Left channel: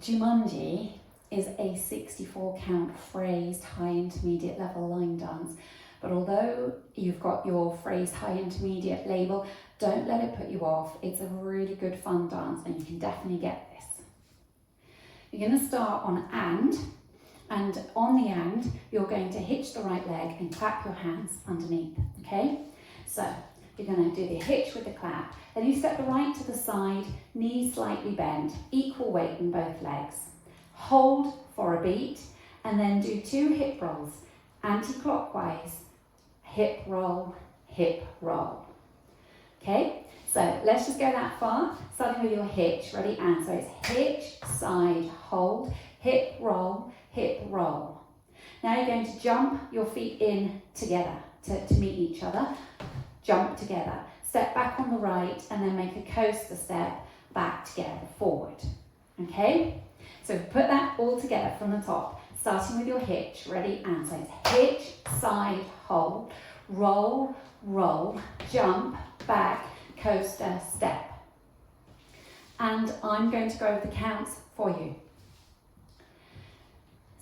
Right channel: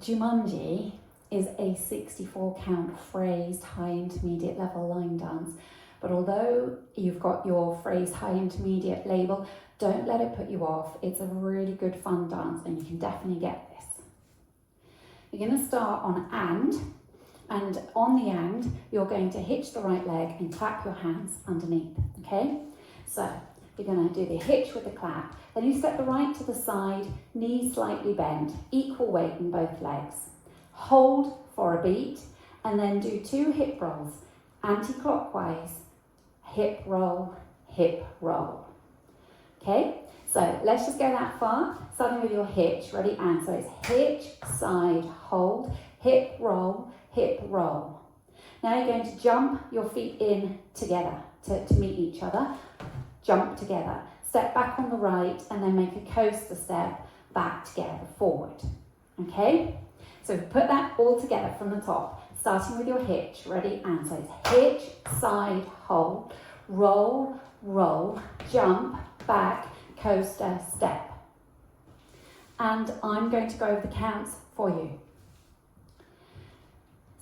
Jumanji is a 64 count phrased high intermediate level line dance, but although you've got your phrased high intermediate label, don't let it put you off. It's a really good fun dance and you can definitely get this. You're going to start on and on the and you're going to hitch the right leg and clap your hands underneath, okay? So you're going to do the hitch with the clap, then you step the right to the side, knees slightly bent, equal weight in both legs. Hold for a beat and then do 2 hip rolls, anti-clockwise, hip roll, okay? So let's just go that far, starting with your hitch, ready, and so it's hitch, side, hold, hip roll, Now you're going to jump your feet in together to meet each other, jump together, step back on the right and then make a coaster step back together, forward, okay? So put that all together from the top, starting with your hitch, ready, and so it's hitch, side, hold, roll, jump, back, coaster, step. And I'm going to go over the counts for you.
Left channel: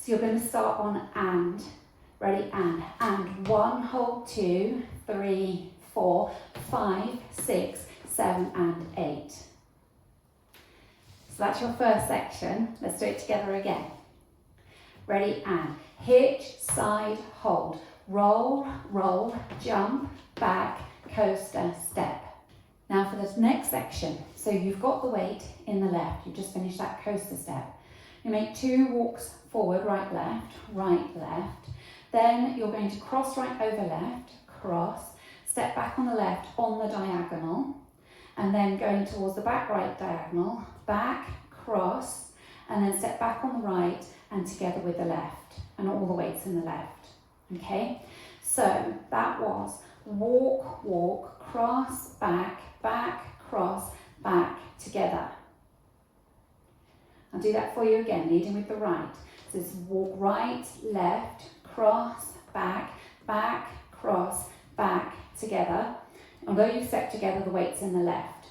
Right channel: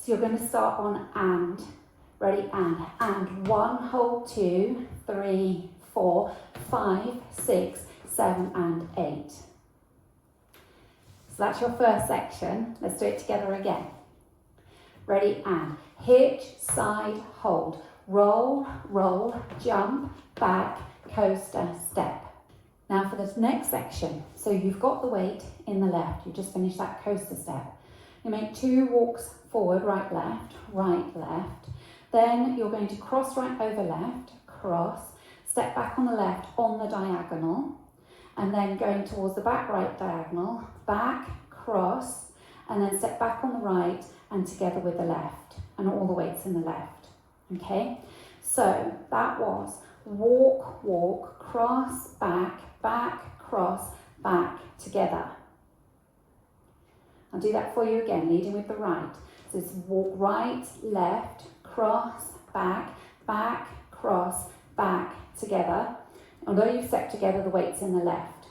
So you're going to start on and, ready, and 1, hold, 2, 3, 4, 5, 6, 7, and 8. So that's your first section. Let's do it together again. Ready, and hitch, side, hold, roll, jump, back, coaster, step. Now for this next section, so you've got the weight in the left, you just finished that coaster step. You make 2 walks forward, right, left. Then you're going to cross right over left, cross, step back on the left on the diagonal, and then going towards the back right diagonal, back, cross, and then step back on the right and together with the left, and all the weights in the left, okay? So that was walk, cross, back, cross, back, together. I'll do that for you again, leading with the right. So it's walk right, left, cross, back, cross, back, together. Although you've stepped together, the weight's in the left.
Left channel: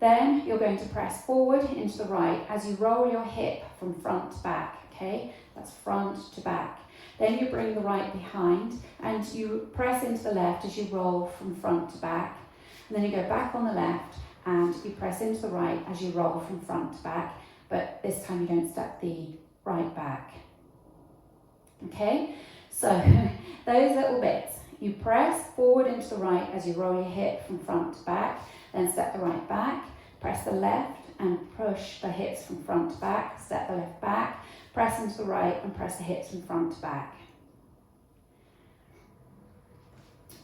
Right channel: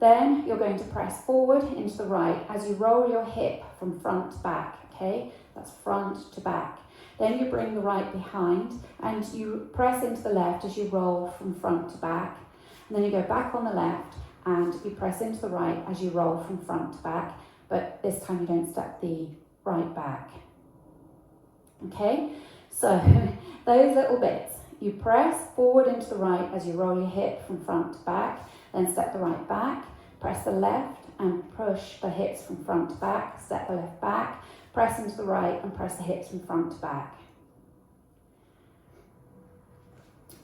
Then you're going to press forward into the right as you roll your hip from front to back, okay? That's front to back. Then you bring the right behind and you press into the left as you roll from front to back. And then you go back on the left and you press into the right as you roll from front to back, but this time you don't step the right back. Okay, so those little bits. You press forward into the right as you roll your hip from front to back, then step the right back, press the left and push the hips from front to back, step the left back, press into the right and press the hips from front to back.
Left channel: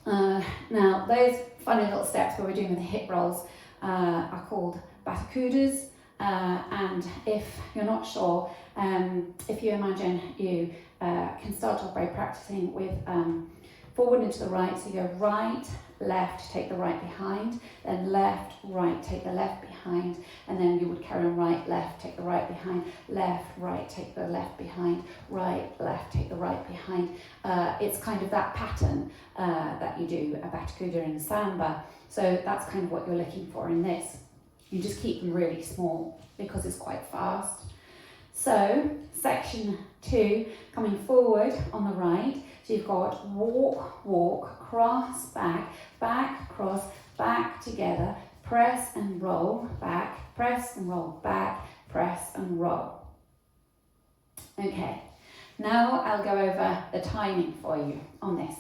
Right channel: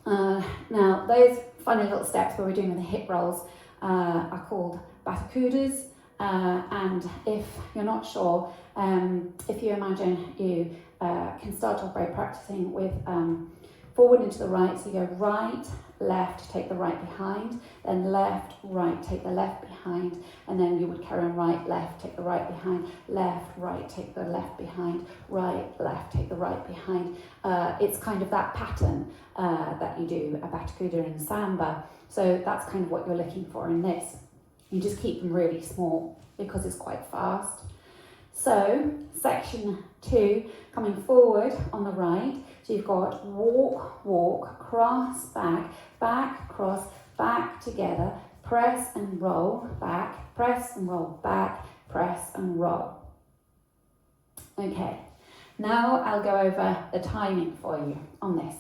Now those funny little steps where we're doing with the hip rolls are called batakudas, and if you're not sure, if you imagine you can start off by practicing with forward into the right, so you go right, left, take the right behind, then left, right, take the left behind, and then you would carry on right, left, take the right behind, left, right, take the left behind, right, left, take the right behind. It's kind of that pattern that you do a batakuda and samba, so that's kind of what you're looking for in this. You just keep them really small because it's quite fast. So section 2, coming forward on the right, so you've got walk, cross, back, cross, back together, press and roll, back, press and roll, back, press and roll. Okay, now I'll go over the timing for you on this.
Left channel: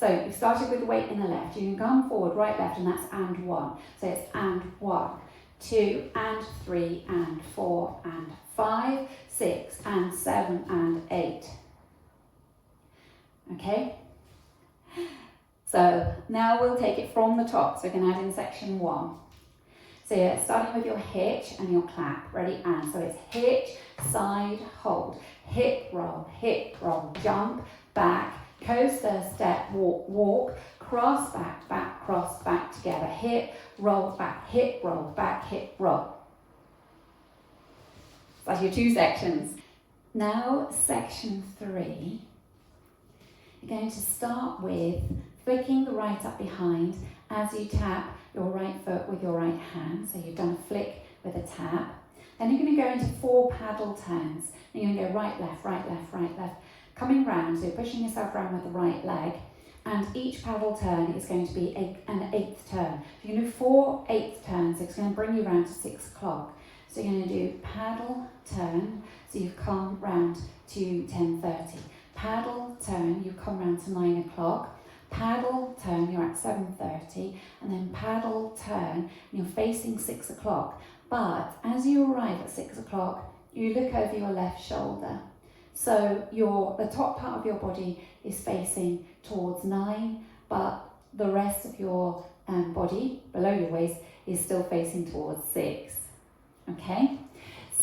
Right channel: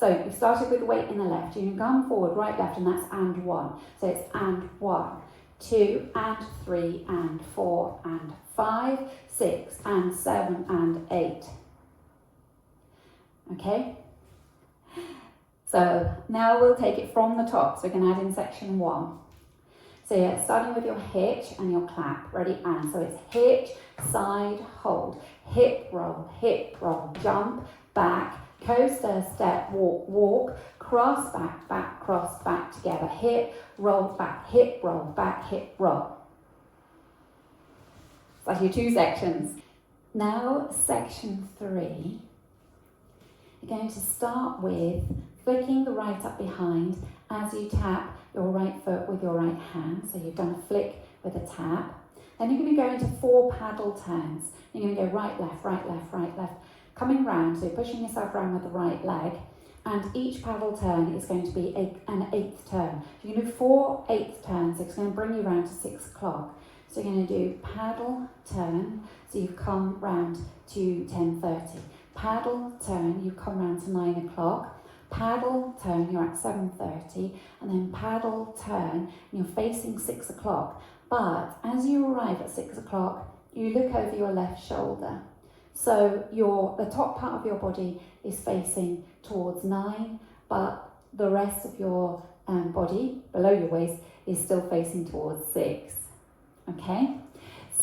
So you've started with the weight in the left, you can come forward, right, left, and that's and 1. So it's and 1, 2, and 3, and 4, and 5, 6, and 7, and 8. Okay, so now we'll take it from the top, so we can add in section 1. So yeah, starting with your hitch and your clap, ready, and so it's hitch, side, hold, hip roll, jump, back, coaster, step, walk, cross, back, cross, back together, hip roll, back, hip roll. That's your 2 sections. Now section 3. You're going to start with flicking the right up behind as you tap your right foot with your right hand. So you've done a flick with a tap. Then you're going to go into 4 paddle turns. You're going to go right, left, right, left, right, left. Coming round, so you're pushing yourself around with the right leg. And each paddle turn is going to be an 8th turn. So you're going to do 4 8th turns. It's going to bring you round to 6 o'clock. So you're going to do paddle turn, so you've come round to 10:30. Paddle turn, you've come round to 9 o'clock. Paddle turn, you're at 7:30. And then paddle turn, and you're facing 6 o'clock. But as you arrive at 6 o'clock, you look over your left shoulder. So the top part of your body is facing towards 9, but the rest of your body, below your waist, is still facing towards 6. Okay?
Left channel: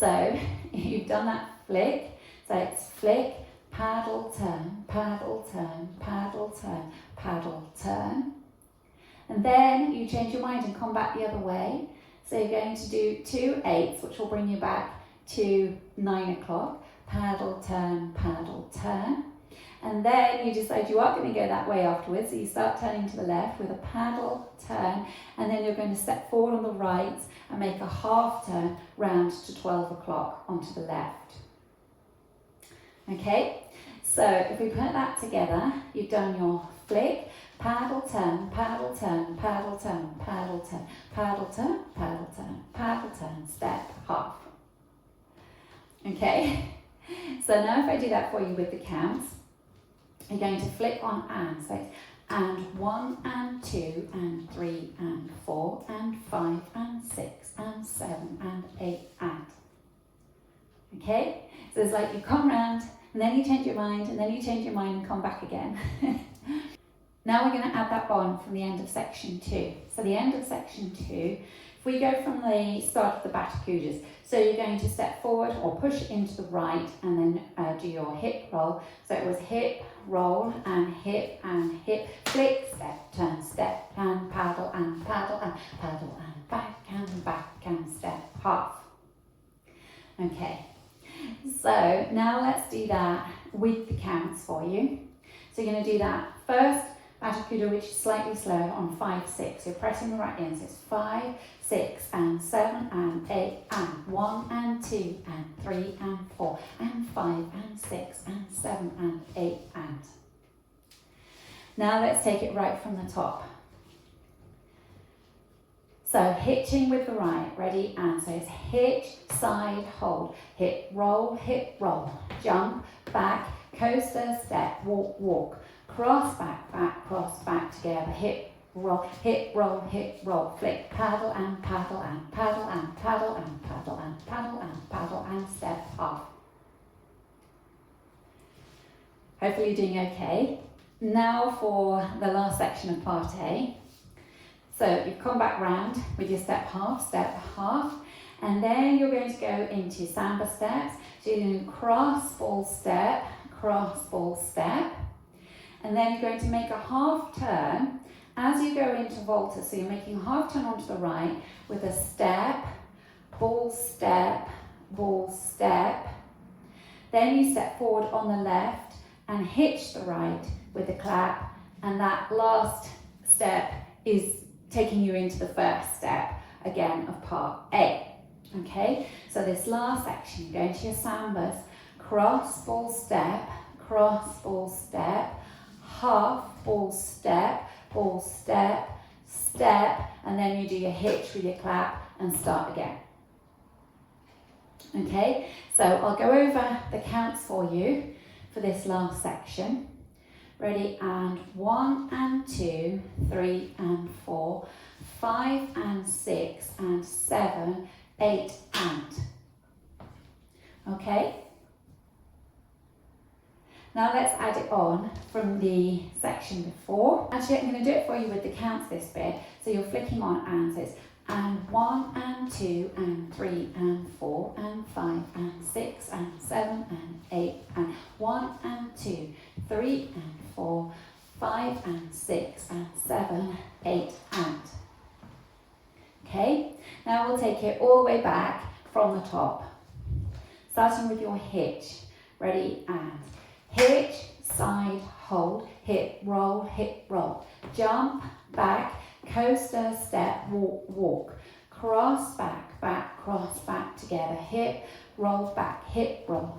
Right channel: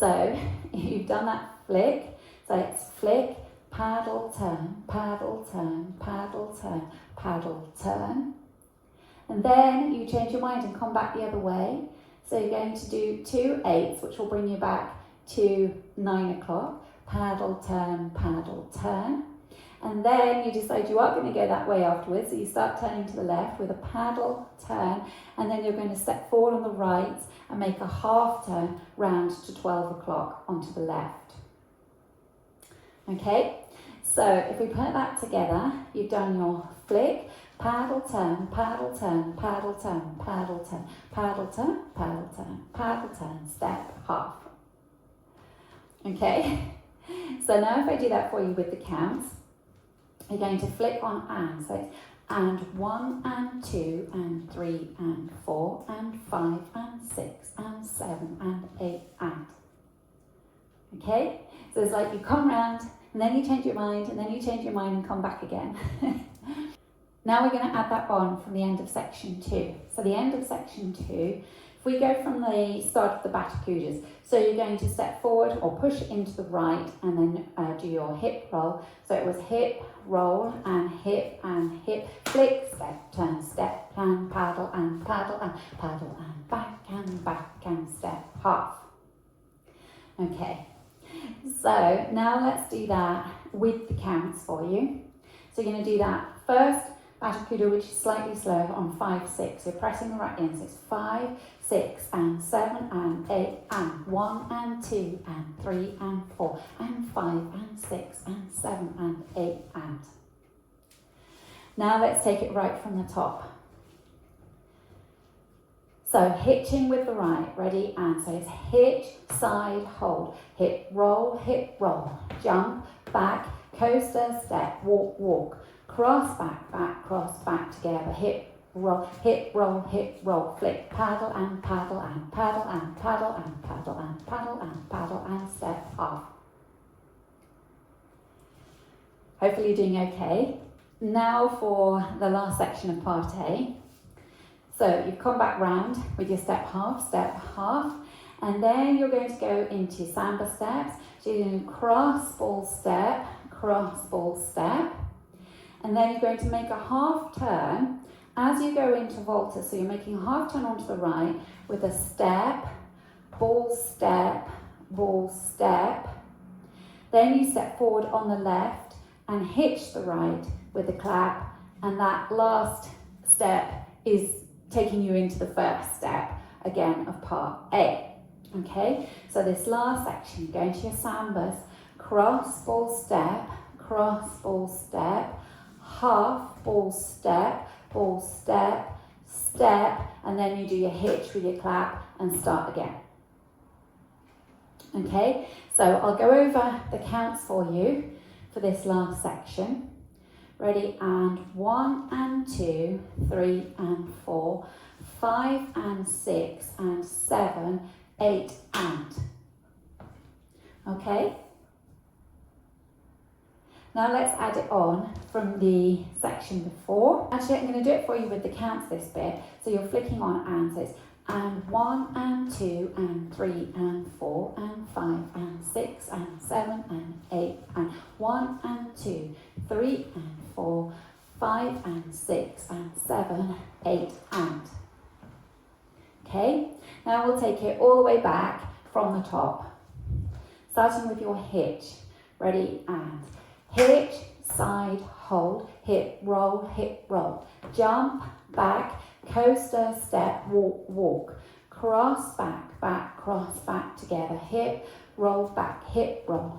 So you've done that flick. So it's flick, paddle, turn, paddle, turn, paddle, turn, paddle, turn. And then you change your mind and come back the other way. So you're going to do 2 8s, which will bring you back to 9 o'clock. Paddle, turn, paddle, turn. And then you decide you are going to go that way afterwards. So you start turning to the left with a paddle, turn, and then you're going to step forward on the right and make a half turn round to 12 o'clock onto the left. Okay, so if we put that together, you've done your flick, paddle, turn, paddle, turn, paddle, turn, paddle, turn, paddle, turn, paddle, turn, paddle, turn, step, half. Okay, so now if I do that for you with the counts, you're going to flick on and, so it's and 1 and 2 and 3 and 4 and 5 and 6 and 7 and 8 and. Okay, so it's like you come round and then you change your mind and then you change your mind and come back again. Now we're going to add that on from the end of section 2. So the end of section 2, if we go from the start of the Batacudas, so you're going to step forward or push into the right and then do your hip roll. So it was hip, roll and hip, flick, step, turn, step, and paddle, and paddle, and paddle, and back, and step, half. Okay, so now let's do that with the counts for you. So you're going to do that first Batacuda, which is slightly slow on 5, 6. You're pressing the right in, so it's 5, 6 and 7 and 8 and 1 and 2 and 3 and 4 and 5 and 6 and 7 and 8 and. Now let's take it right from the top. So hitching with the right, ready, and so it's hitch, side, hold, hip, roll, jump, back, coaster, step, walk, walk, cross, back, together, hip, roll, flick, paddle, and paddle, and paddle, and paddle, and paddle, and paddle, and paddle, and step off. Hopefully you're doing okay. Now for the last section of part A. So you've come back round with your step, half, and then you're going to go into samba steps. So you're going to cross, ball, step, and then you're going to make a half turn as you go into volta. So you're making a half turn onto the right with a step, ball, step, then you step forward on the left and hitch the right with a clap, and that last step is taking you into the first step again of part A. Okay, so this last section, go into your sambas, cross, ball, step, half, ball, step, and then you do your hitch with your clap and start again. Okay, so I'll go over the counts for you for this last section. Ready, and 1 and 2, 3 and 4, 5 and 6 and 7, 8 and. Okay? Now let's add it on from the section before. Actually, I'm going to do it for you with the counts this bit. So you're flicking on and, so it's and 1 and 2 and 3 and 4 and 5 and 6 and 7 and 8 and 1 and 2, 3 and 4, 5 and 6 and 7, 8 and. Okay, now we'll take it all the way back from the top. Starting with your hitch. Ready, and hitch, side, hold, hip, roll, jump, back, coaster, step, walk, cross, back, back, cross, back together, hip, roll back, hip, roll,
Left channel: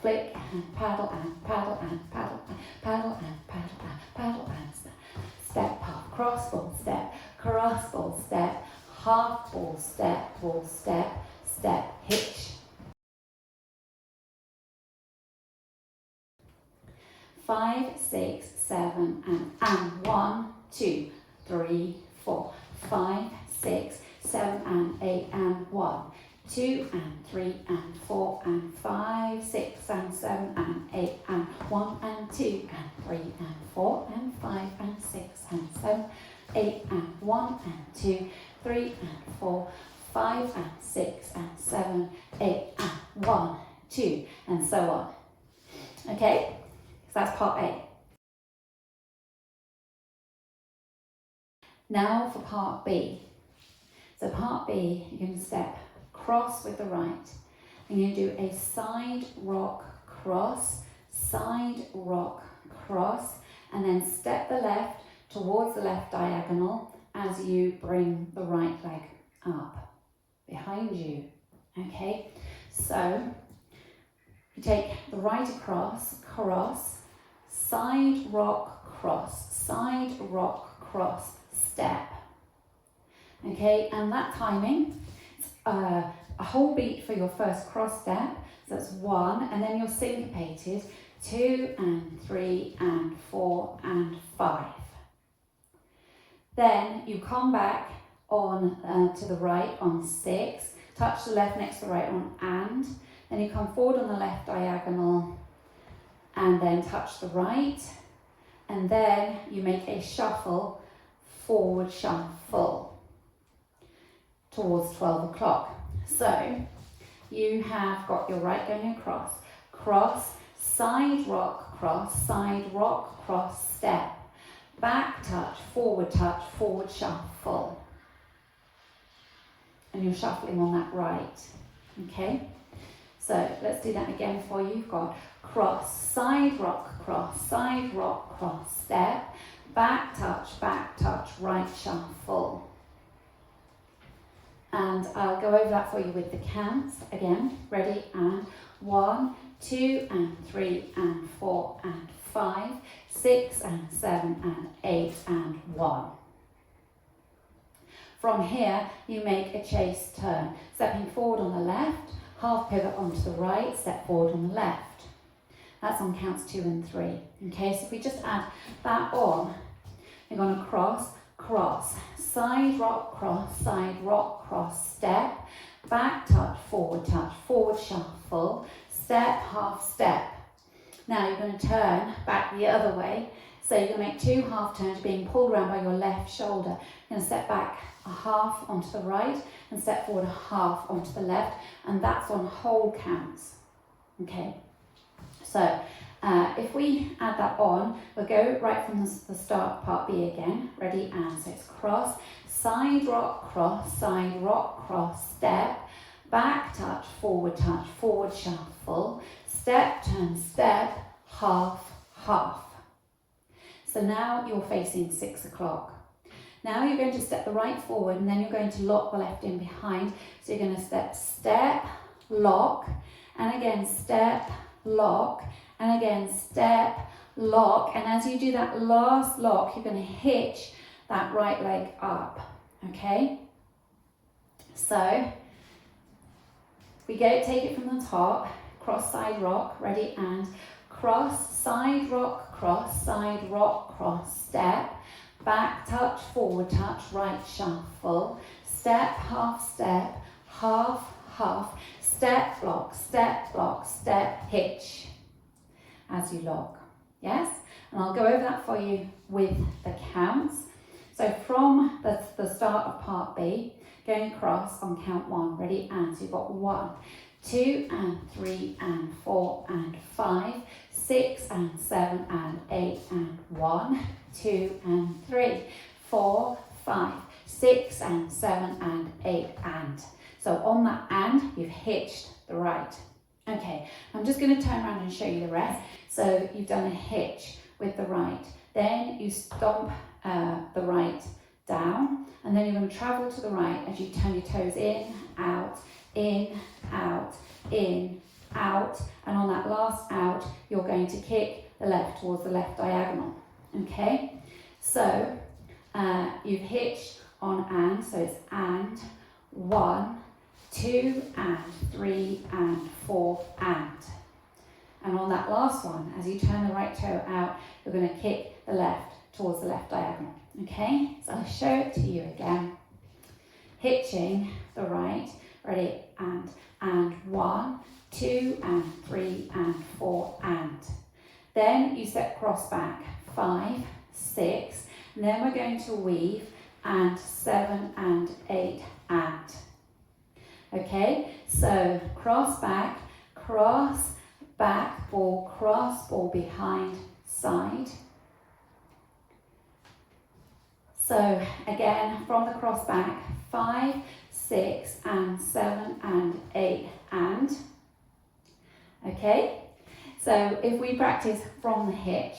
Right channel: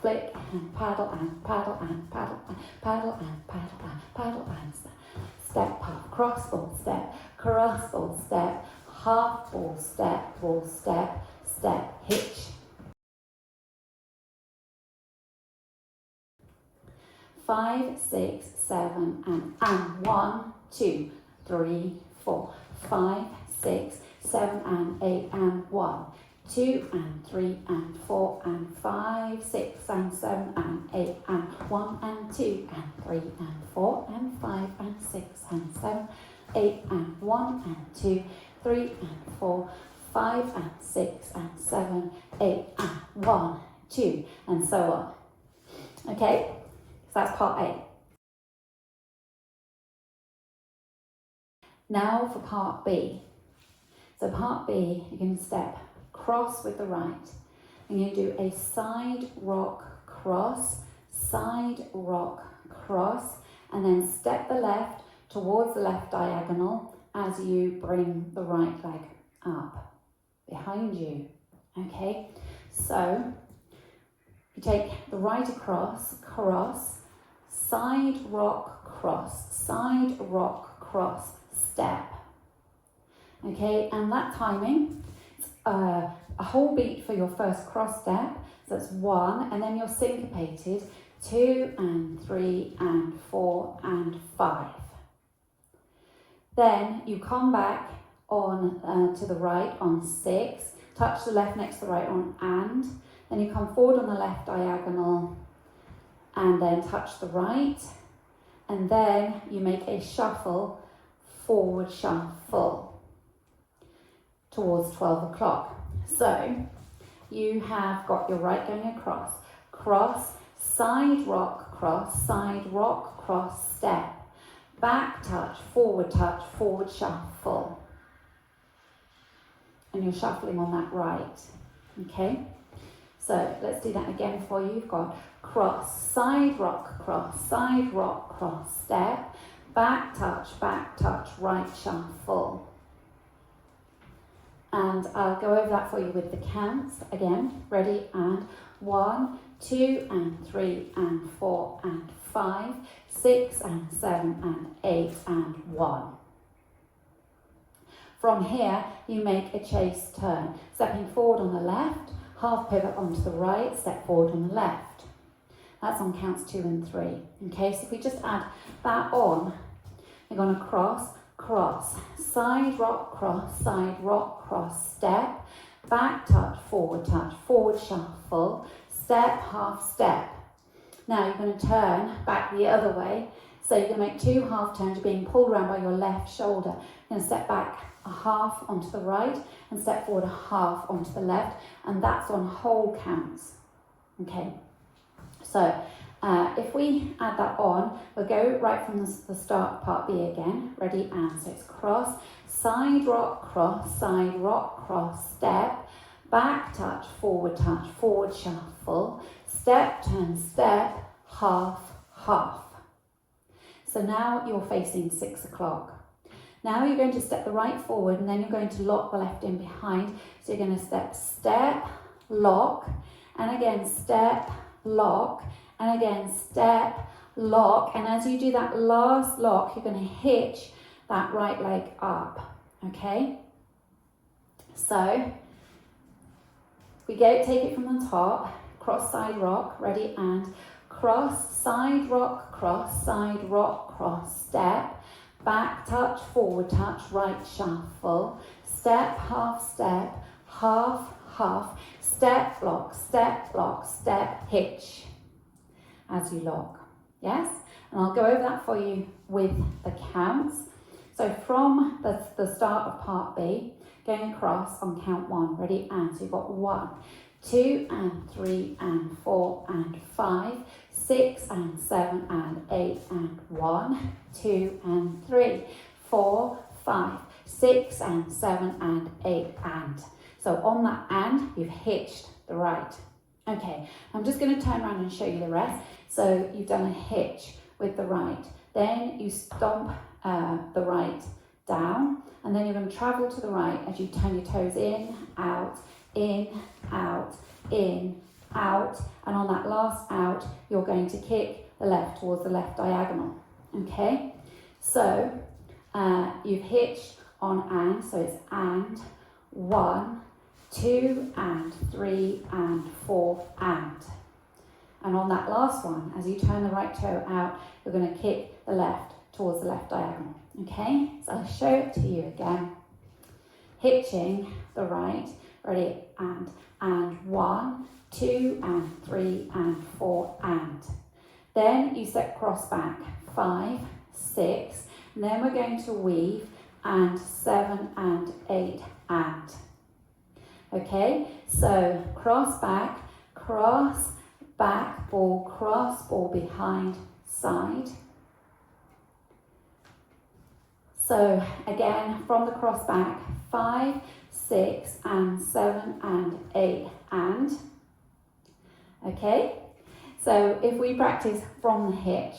flick, and paddle, and paddle, and paddle, and paddle, and paddle, and paddle, and step, half, cross, ball, step, cross, ball, step, half, ball, step, step, hitch. 5, 6, 7, and 1, 2, 3, 4, 5, 6, 7, and 8, and 1, 2, and 3, and 4, and 5, 6, and 7, and 8, and 1, and 2, and 3, and 4, and 5, and 6, and 7, 8, and 1, and 2, 3, and 4, 5, and 6, and 7, 8, and 1, 2, and so on. Okay, so that's part A. Now for part B. So part B, you're going to step cross with the right. And you do a side rock cross, and then step the left towards the left diagonal as you bring the right leg up behind you. Okay, so you take the right across, side rock cross, step. Okay, and that timing, a whole beat for your first cross step, so that's 1, and then you're syncopated, 2, and 3, and 4, and 5. Then you come back on to the right on 6, touch the left next to the right on and, then you come forward on the left diagonal, and then touch the right, and then you make a shuffle, forward shuffle towards 12 o'clock. So you have got your right going across, side rock cross, step, back touch, forward shuffle. And you're shuffling on that right, okay? So let's do that again for you. You've got cross, side rock cross, step, back touch, right shuffle. And I'll go over that for you with the counts again. Ready? And 1, 2, and 3, and 4, and 5, 6, and 7, and 8, and 1. From here, you make a chase turn, stepping forward on the left, half pivot onto the right, step forward on the left. That's on counts 2 and 3. Okay, so if we just add that on, you're going to cross, side rock cross, step, back touch, forward shuffle, step, half step. Now you're going to turn back the other way. So you're going to make 2 half turns, being pulled around by your left shoulder. You're going to step back a half onto the right and step forward a half onto the left, and that's on whole counts. Okay, so if we add that on, we'll go right from the start of part B again. Ready? And so it's cross, side rock cross, step, back touch, forward shuffle, step, turn, step, half. So now you're facing 6 o'clock. Now you're going to step the right forward, and then you're going to lock the left in behind. So you're going to step, lock, and again step, lock, and again step, lock. And as you do that last lock, you're going to hitch that right leg up. Okay? So we go, take it from the top, cross, side rock, ready, and cross, side rock, cross, step, back touch, forward touch, right shuffle, step, half, step, lock, step, hitch as you lock. Yes? And I'll go over that for you with the counts. So from the start of part B, going across on count 1, ready, and so you've got 1, 2, and 3, and 4, and 5, 6, and 7, and 8, and 1, 2, and 3, 4, 5, 6, and 7, and 8, and. So on that and, you've hitched the right. Okay, I'm just going to turn around and show you the rest. So you've done a hitch with the right. Then you stomp the right down, and then you're going going to travel to the right as you turn your toes in, out, out, in, out, and on that last out, you're going to kick the left towards the left diagonal, okay? So you've hitched on and, so it's and, 1, 2, and 3, and 4, and. And on that last one, as you turn the right toe out, you're going to kick the left towards the left diagonal, okay? So I'll show it to you again. Hitching the right, ready, and 1, 2, and 3, and 4, and. Then you step cross back, 5, 6, and then we're going to weave, and 7, and 8, and. Okay, so cross, back, ball behind, side. So again, from the cross back, 5, 6, and 7, and 8, and. Okay, so if we practice from the hitch,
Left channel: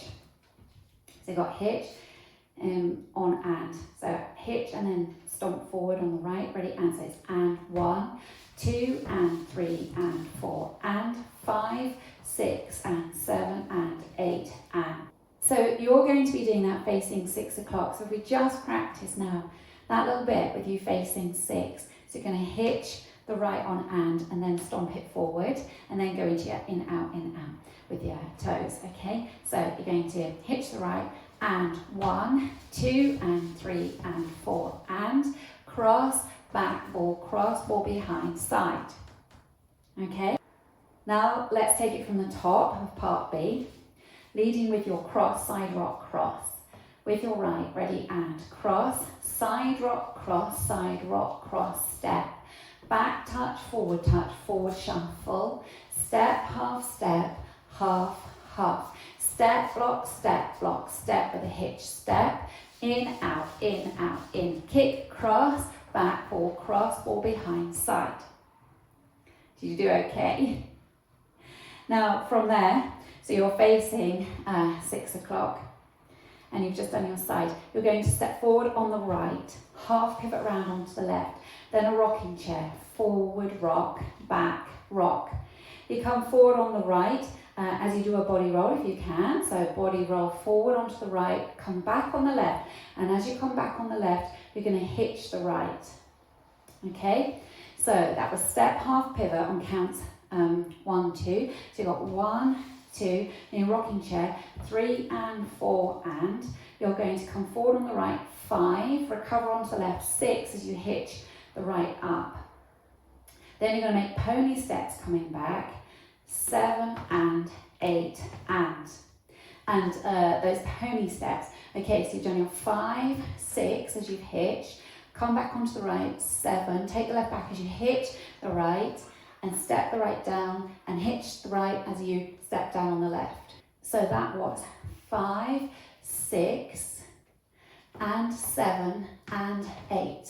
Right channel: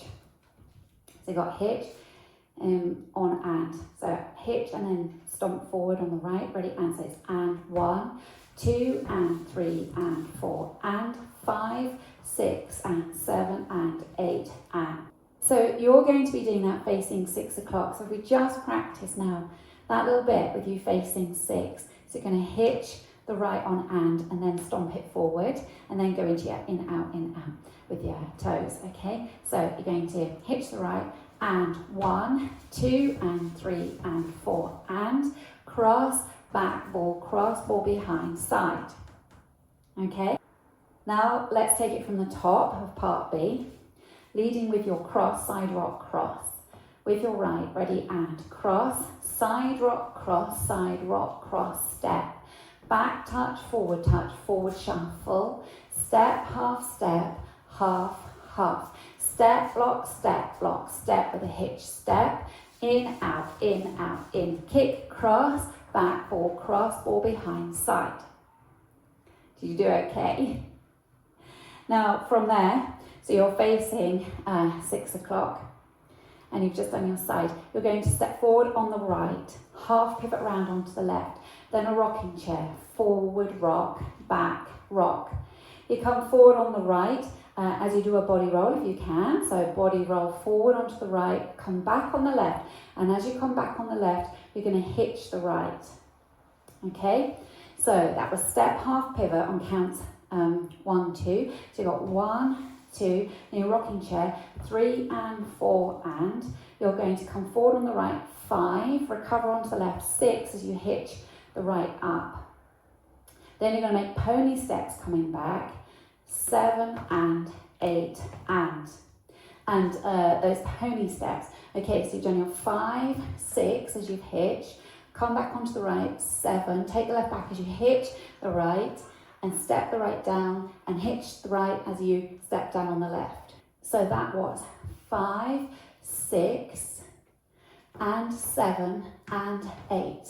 so you've got hitch on and. So hitch and then stomp forward on the right, ready, and so it's and 1, 2, and 3, and 4, and 5, 6, and 7, and 8, and. So you're going to be doing that facing 6 o'clock. So if we just practice now that little bit with you facing 6. So you're going to hitch the right on and then stomp it forward and then go into your in, out with your toes, okay? So you're going to hitch the right and 1, 2, and 3, and 4, and cross, back, ball behind, side, okay? Now let's take it from the top of part B, leading with your cross, side rock, cross. With your right, ready, and cross, side rock, cross, step. Back touch, forward shuffle. Step, half, half. Step, block, step with a hitch. Step, in, out, in. Kick, cross, back, ball behind, side. Did you do okay? Now from there, so you're facing 6 o'clock and you've just done your side. You're going to step forward on the right, half pivot round onto the left, then a rocking chair, forward, rock, back, rock. You come forward on the right as you do a body roll if you can. So body roll forward onto the right, come back on the left. And as you come back on the left, you're going to hitch the right. Okay, so that was step, half pivot on counts 1, 2. So you've got 1, 2, and your rocking chair, 3 and 4, and you're going to come forward on the right, 5, recover onto the left, 6 as you hitch the right up. Then you're going to make pony steps coming back, 7 and 8 and those pony steps. Okay, so you've done your 5, 6 as you've hitched, come back onto the right, 7, take the left back as you hitch the right, and step the right down and hitch the right as you step down on the left. So that was 5, 6, and 7, and 8.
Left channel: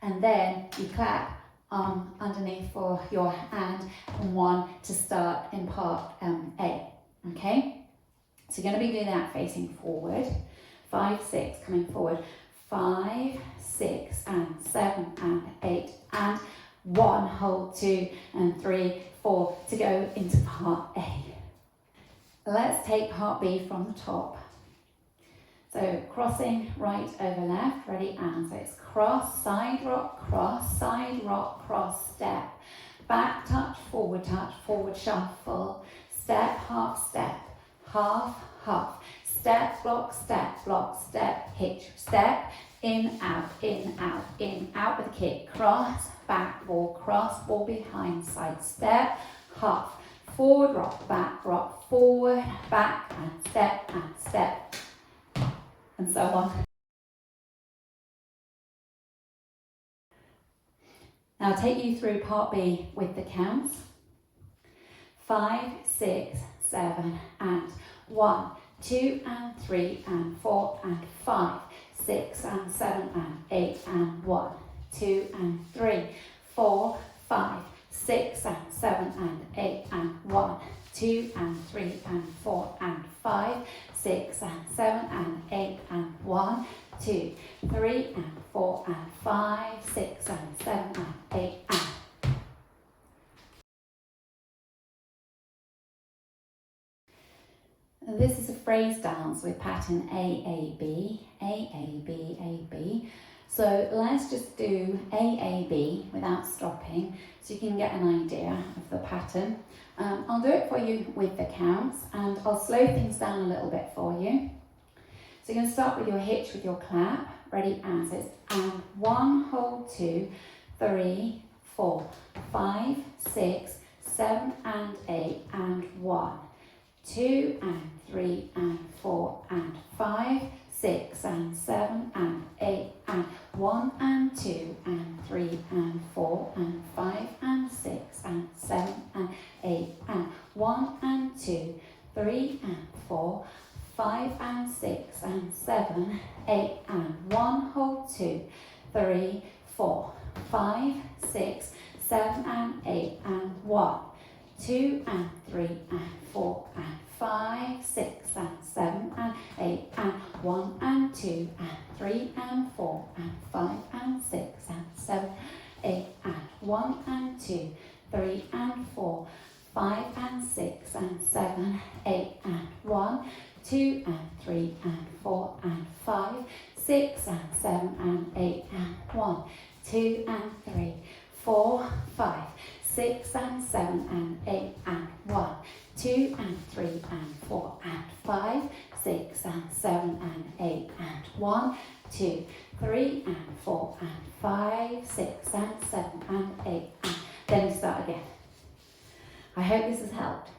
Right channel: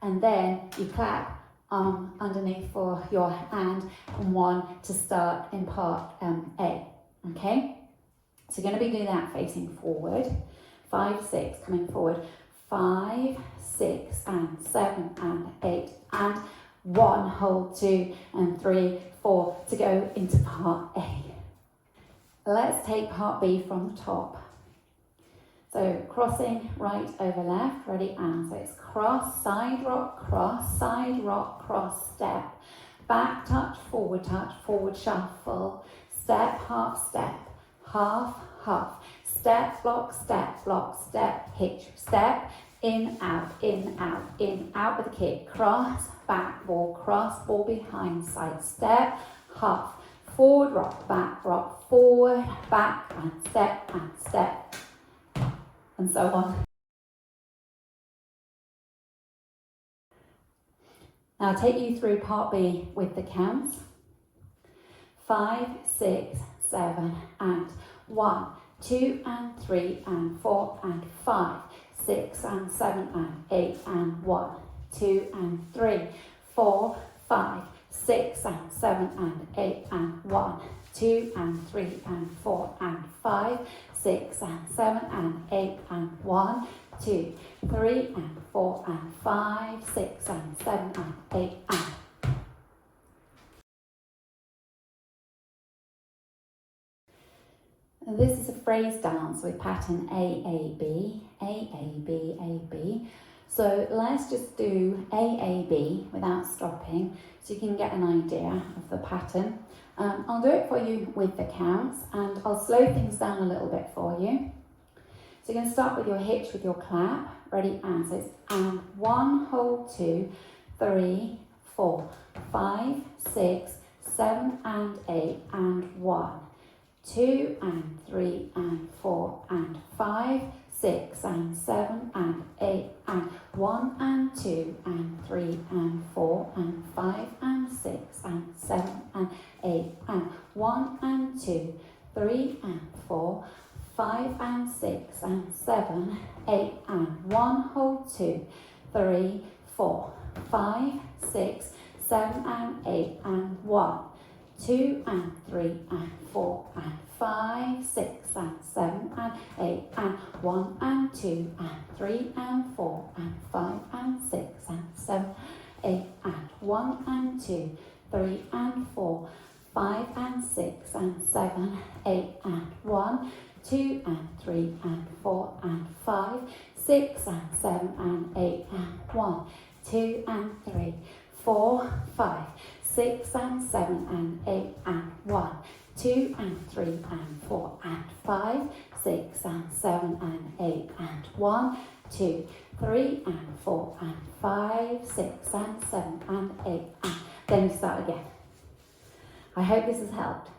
And then you clap underneath for your and 1 to start in part A, okay? So you're going to be doing that facing forward, 5, 6, coming forward, 5, 6, and 7, and 8, and 1, hold 2, and 3, 4 to go into part A. Let's take part B from the top. So crossing right over left, ready, and so it's cross, side rock, cross, step. Back touch, forward shuffle. Step, half, half. Step, block, step, hitch, step. In, out, out with a kick. Cross, back, ball behind, side step, half. Forward, rock, forward, back, and step, and so on. Now I'll take you through part B with the counts. 5, 6, 7, and 1, 2, and 3, and 4, and 5, 6, and 7, and 8, and 1, 2, and 3, 4, 5, 6, and 7, and 8, and 1, 2, and 3, and 4, and 5, 6, and 7, and 8, and 1, 2, 3 and 4 and 5, 6 and 7 and 8 and. This is a phrase dance with pattern AAB, AAB, AB. So let's just do AAB without stopping so you can get an idea of the pattern. I'll do it for you with the counts and I'll slow things down a little bit for you. So you're going to start with your hitch with your clap. Ready, and so it's and 1, hold 2, 3, 4, 5, 6, 7 and 8 and 1. 2 and 3 and 4 and 5, 6 and 7 and 8 and 1 and 2 and 3 and 4 and 5 and 6 and 7 and 8 and 1 and 2, 3 and 4, 5 and 6 and 7, 8 and 1, hold 2, 3, 4, 5, 6, 7 and 8 and 1. 2 and 3 and 4 and 5, 6 and 7 and 8 and 1 and 2 and 3 and 4 and 5 and 6 and 7, 8 and 1 and 2, 3 and 4, 5 and 6 and 7, 8 and 1, 2 and 3 and 4 and 5, 6 and 7 and 8 and 1, 2 and 3, 4, 5, 6 and 7 and 8 and 1, 2 and 3 and 4 and 5, 6 and 7 and 8 and 1, 2, 3 and 4 and 5, 6 and 7 and 8 and then you start again. I hope this has helped.